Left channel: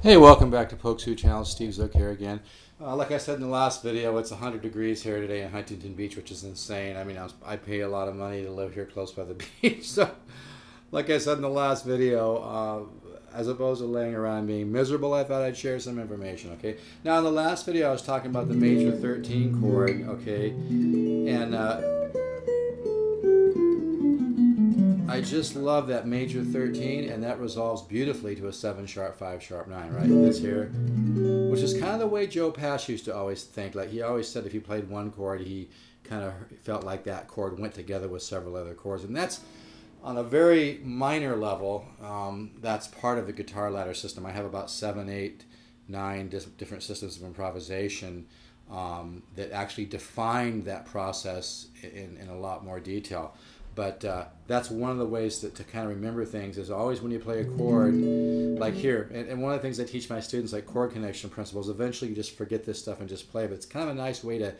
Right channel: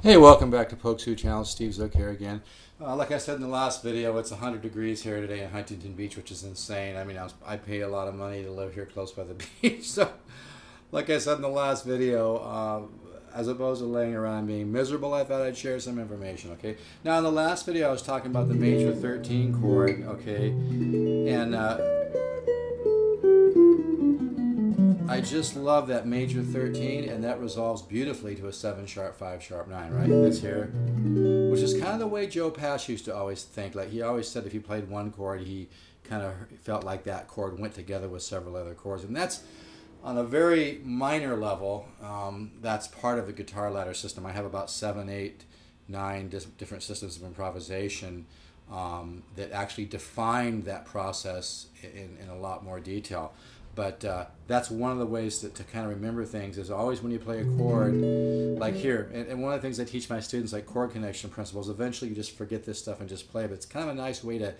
Hey, welcome back to Pokesoo Channel. Steve Zook here again. Like I said in the last video, it's 100 degrees here today in Huntington Beach, which is insane. I mean, I pay a lot of money to live here close by the beach. So, like I said in the last video, as opposed to laying around being miserable, I thought I'd share some information, okay? Now, in the last video, I was talking about the major 13 chord, okay? And I just love that major 13, and that resolves beautifully to a 7 sharp, 5 sharp 9, right? This here, which is kind of the way Joe Pass used to always think. Like, he always said if he played one chord, he kind of felt like that chord went together with several other chords. And that's on a very minor level. That's part of the guitar ladder system. I have about 7, 8, 9 different systems of improvisation that actually define that process in a lot more detail. But that's one of the ways to kind of remember things is always when you play a chord, like here, and one of the things I teach my students, like chord connection principles, eventually you just forget this stuff and just play, but it's kind of a nice way to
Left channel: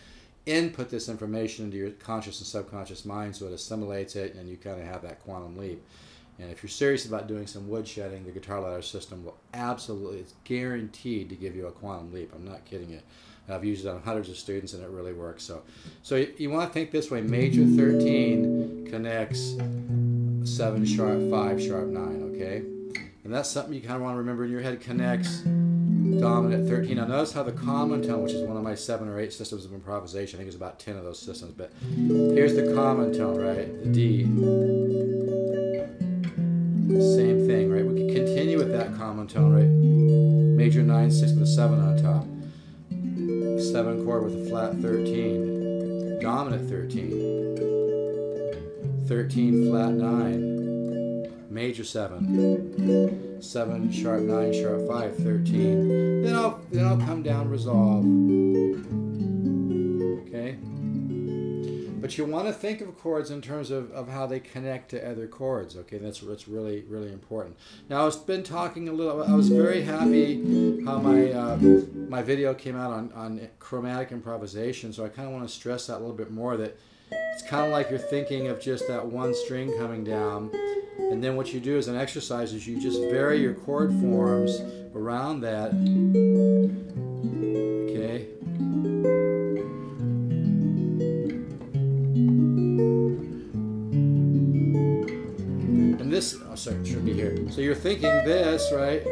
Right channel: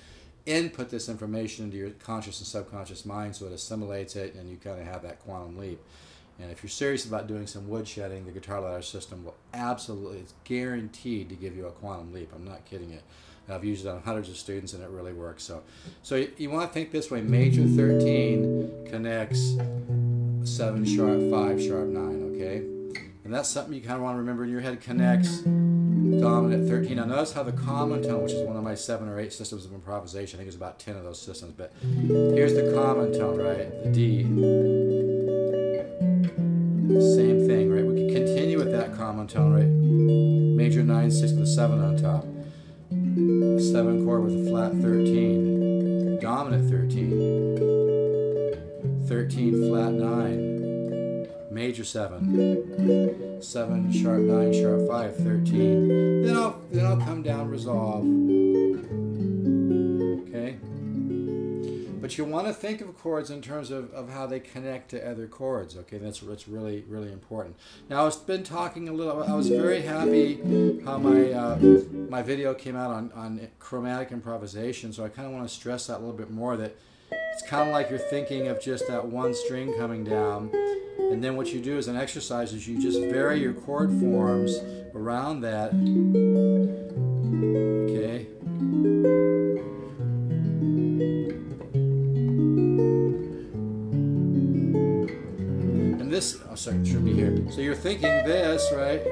input this information into your conscious and subconscious mind so it assimilates it and you kind of have that quantum leap. And if you're serious about doing some woodshedding, the guitar ladder system will absolutely, it's guaranteed to give you a quantum leap. I'm not kidding you. I've used it on hundreds of students and it really works. So you want to think this way. Major 13 connects 7 sharp, 5 sharp, 9, okay? And that's something you kind of want to remember in your head. Connects dominant 13. Now notice how the common tone, which is one of my 7 or 8 systems of improvisation, I think there's about 10 of those systems, but here's the common tone, right? The D. Same thing, right? We can continue with that common tone, right? Major 9, 6 with a 7 on top. 7 chord with a flat 13, dominant 13, 13 flat 9, major 7, 7 sharp 9 sharp 5, 13. Then I'll come down, resolve. Okay. But you want to think of chords in terms of how they connect to other chords, okay? That's really, really important. Now, I've been talking a little, I was very happy how my video came out on chromatic improvisation, so I kind of want to stress that a little bit more, that it's kind of like you're thinking of just that one string coming down, and then what you do as an exercise is you just vary your chord forms around that, okay? This, oh sorry, it should be here. So you're thinking this, right?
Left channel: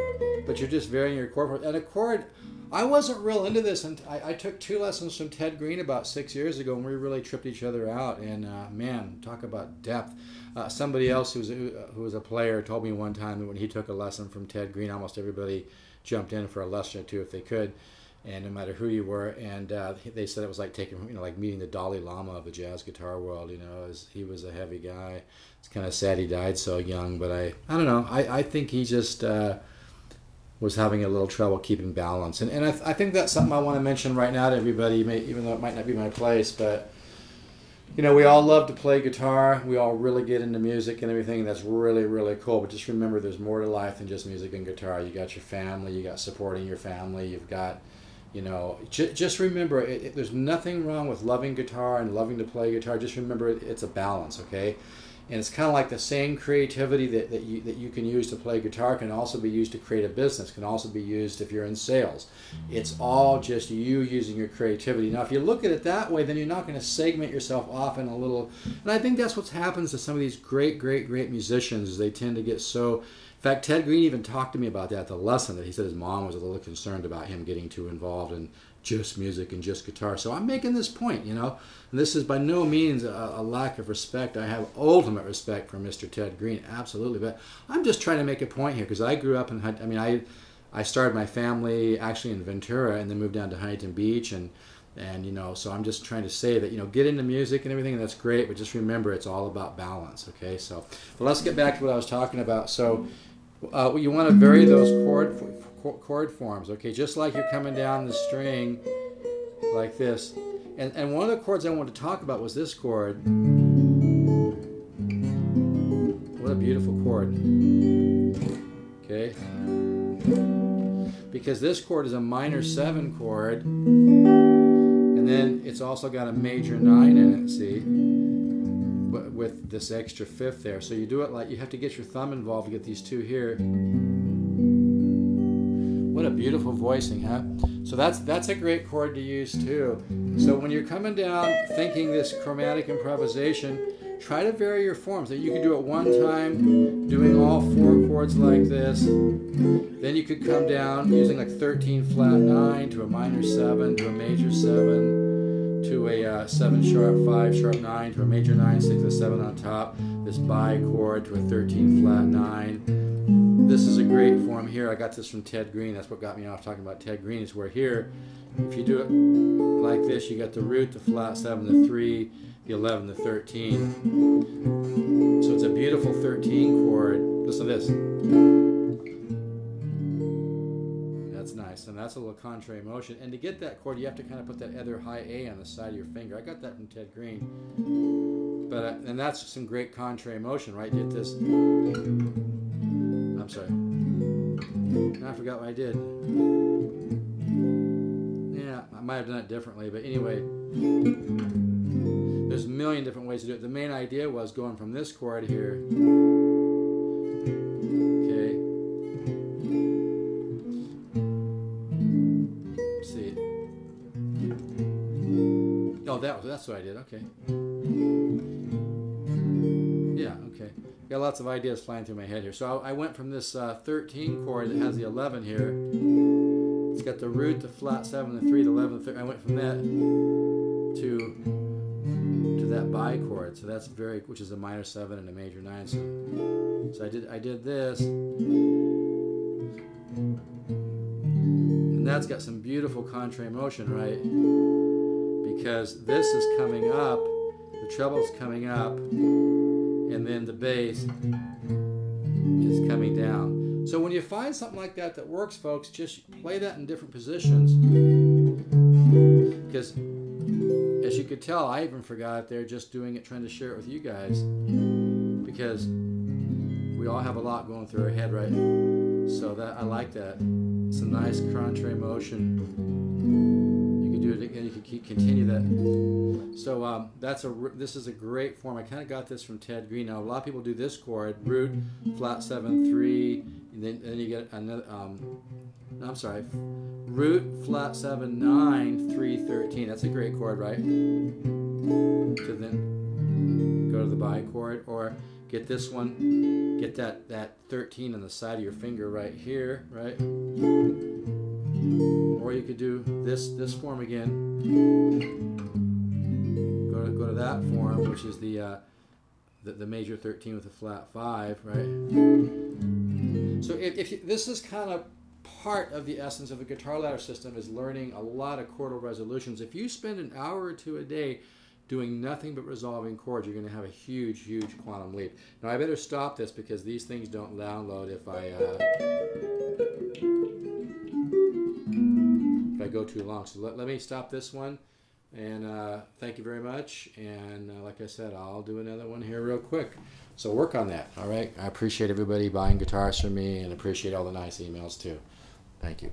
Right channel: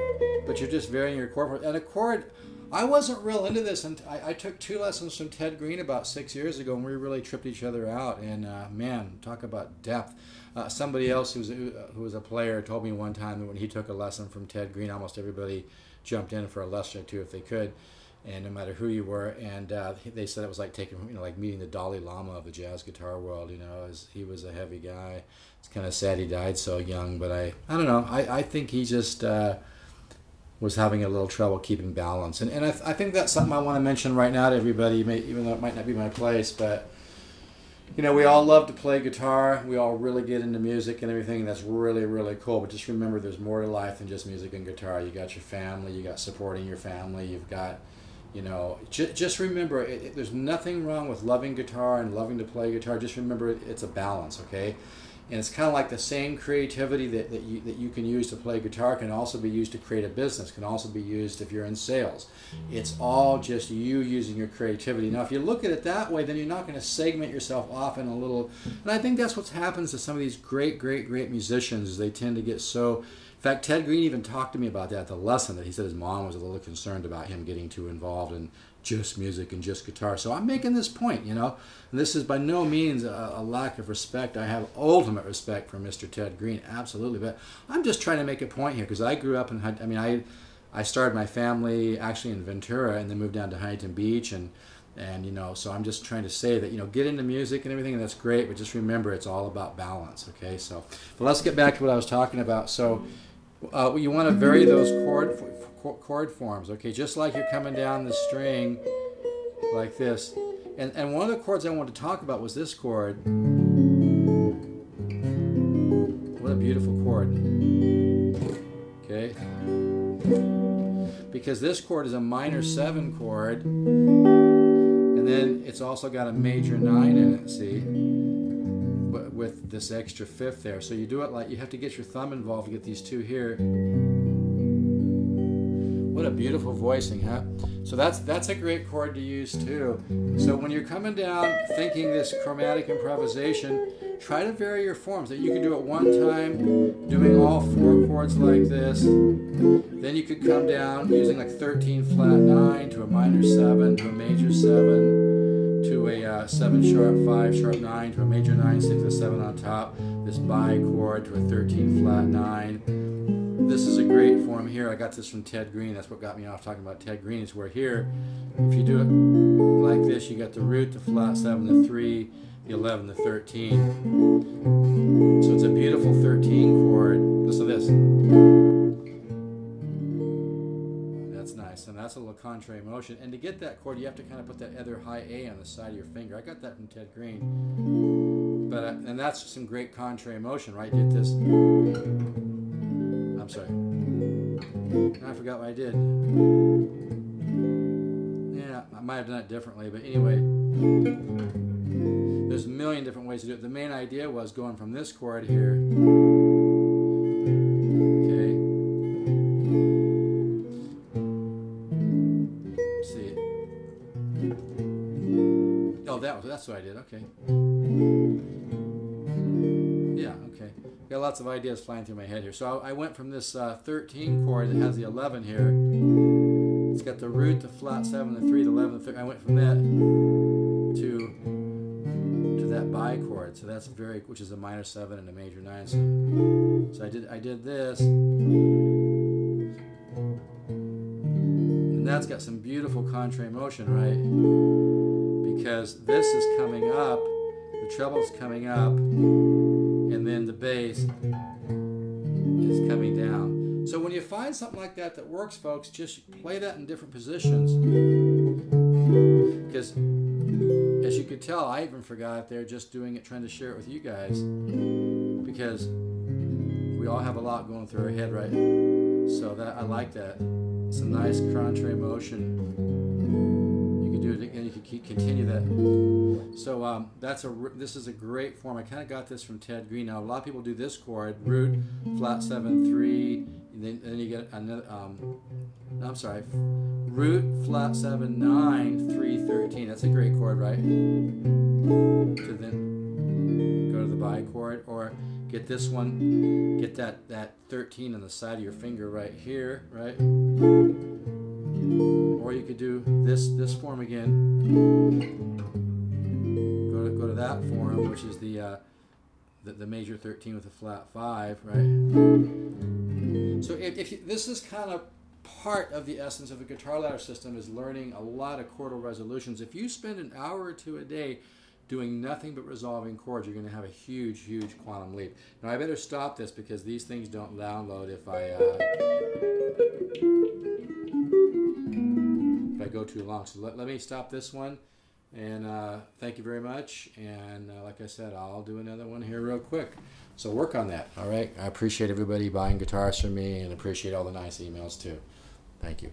But you're just varying your chord. And a chord, I wasn't real into this, and I took 2 lessons from Ted Green about 6 years ago, and we really tripped each other out. And man, talk about depth. Somebody else who was a player told me one time that when he took a lesson from Ted Green, almost everybody jumped in for a lesson or two if they could, and no matter who you were. And they said it was like taking, like meeting the Dalai Lama of the jazz guitar world. He was a heavy guy. It's kind of sad he died so young, but I don't know. I think he just was having a little trouble keeping balance. And I think that's something I want to mention right now to everybody, even though it might not be my place. But, we all love to play guitar. We all really get into music and everything. That's really, really cool. But just remember, there's more to life than just music and guitar. You got your family. You got supporting your family. You've got, just remember, there's nothing wrong with loving guitar and loving to play guitar. Just remember, it's a balance, okay? And it's kind of like the same creativity that you can use to play guitar can also be used to create a business, can also be used if you're in sales. It's all just you using your creativity. Now, if you look at it that way, then you're not going to segment yourself off in a little... And I think that's what happens to some of these great musicians, is they tend to get so... In fact, Ted Green even talked to me about that at the lesson, that he said his mom was a little concerned about him getting too involved in just music and just guitar. So I'm making this point, and this is by no means a lack of respect. I have ultimate respect for Mr. Ted Green, absolutely. But I'm just trying to make a point here, because I grew up in, I started my family actually in Ventura and then moved down to Huntington Beach, and so I'm just trying to say that, get into music and everything, and that's great, but just remember, it's all about balance, okay? So, but let's get back to what I was talking about. So, you want to vary those chord forms, okay? Just like you're coming down the string like this. And one of the chords I wanted to talk about was this chord. What a beautiful chord. Okay? Because this chord is a minor 7 chord, and then it's also got a major 9 in it, see? But with this extra 5th there. So you do it like, you have to get your thumb involved to get these 2 here. What a beautiful voicing, huh? So that's a great chord to use too. So when you're coming down thinking this chromatic improvisation, try to vary your forms. That you could do it one time, doing all 4 chords like this. Then you could come down using like 13 flat 9 to a minor 7 to a major 7 to a 7 sharp 5 sharp 9 to a major 9 6 a 7 on top. This bi chord to a 13 flat 9. This is a great form here. I got this from Ted Green. That's what got me off talking about Ted Green, is where here, if you do it like this, you got the root, the flat 7, the 3, the 11, the 13. So it's a beautiful 13 chord. Listen to this. That's nice. And that's a little contrary motion. And to get that chord, you have to kind of put that other high A on the side of your finger. I got that from Ted Green. But and that's some great contrary motion, right? Get this. I'm sorry. Now I forgot what I did. Yeah, I might have done it differently, but anyway, there's a million different ways to do it. The main idea was going from this chord here. Okay. Let's see. Oh, that's what I did. Okay. Yeah, okay. Got lots of ideas flying through my head here. So I went from this 13 chord that has the 11 here. It's got the root, the flat 7, the 3, the 11, the 3. I went from that to that bi chord. So that's which is a minor 7 and a major 9. So I did this. And that's got some beautiful contrary motion, right? Because this is coming up, the treble's coming up, and then the bass is coming down. So when you find something like that that works, folks, just play that in different positions. Because as you could tell, I even forgot it there just doing it, trying to share it with you guys. Because we all have a lot going through our head, right? So I like that. It's a nice contrary motion. You can do it again. You can continue that. So this is a great form. I kind of got this from Ted Green. Now a lot of people do this chord: root, flat 7, 3, and then you get another. I'm sorry, root, flat 7, 9, 3, 13. That's a great chord, right? So then go to the bi chord, or get this one. Get that 13 on the side of your finger right here, right? Or you could do this form again. Go to that form, which is the major 13 with a flat 5, right? So this is kind of part of the essence of the guitar ladder system, is learning a lot of chordal resolutions. If you spend an hour or two a day doing nothing but resolving chords, you're going to have a huge, huge quantum leap. Now I better stop this because these things don't download if I go too long. So let me stop this one, and thank you very much. And like I said, I'll do another one here real quick. So work on that, all right? I appreciate everybody buying guitars from me, and appreciate all the nice emails too. Thank you.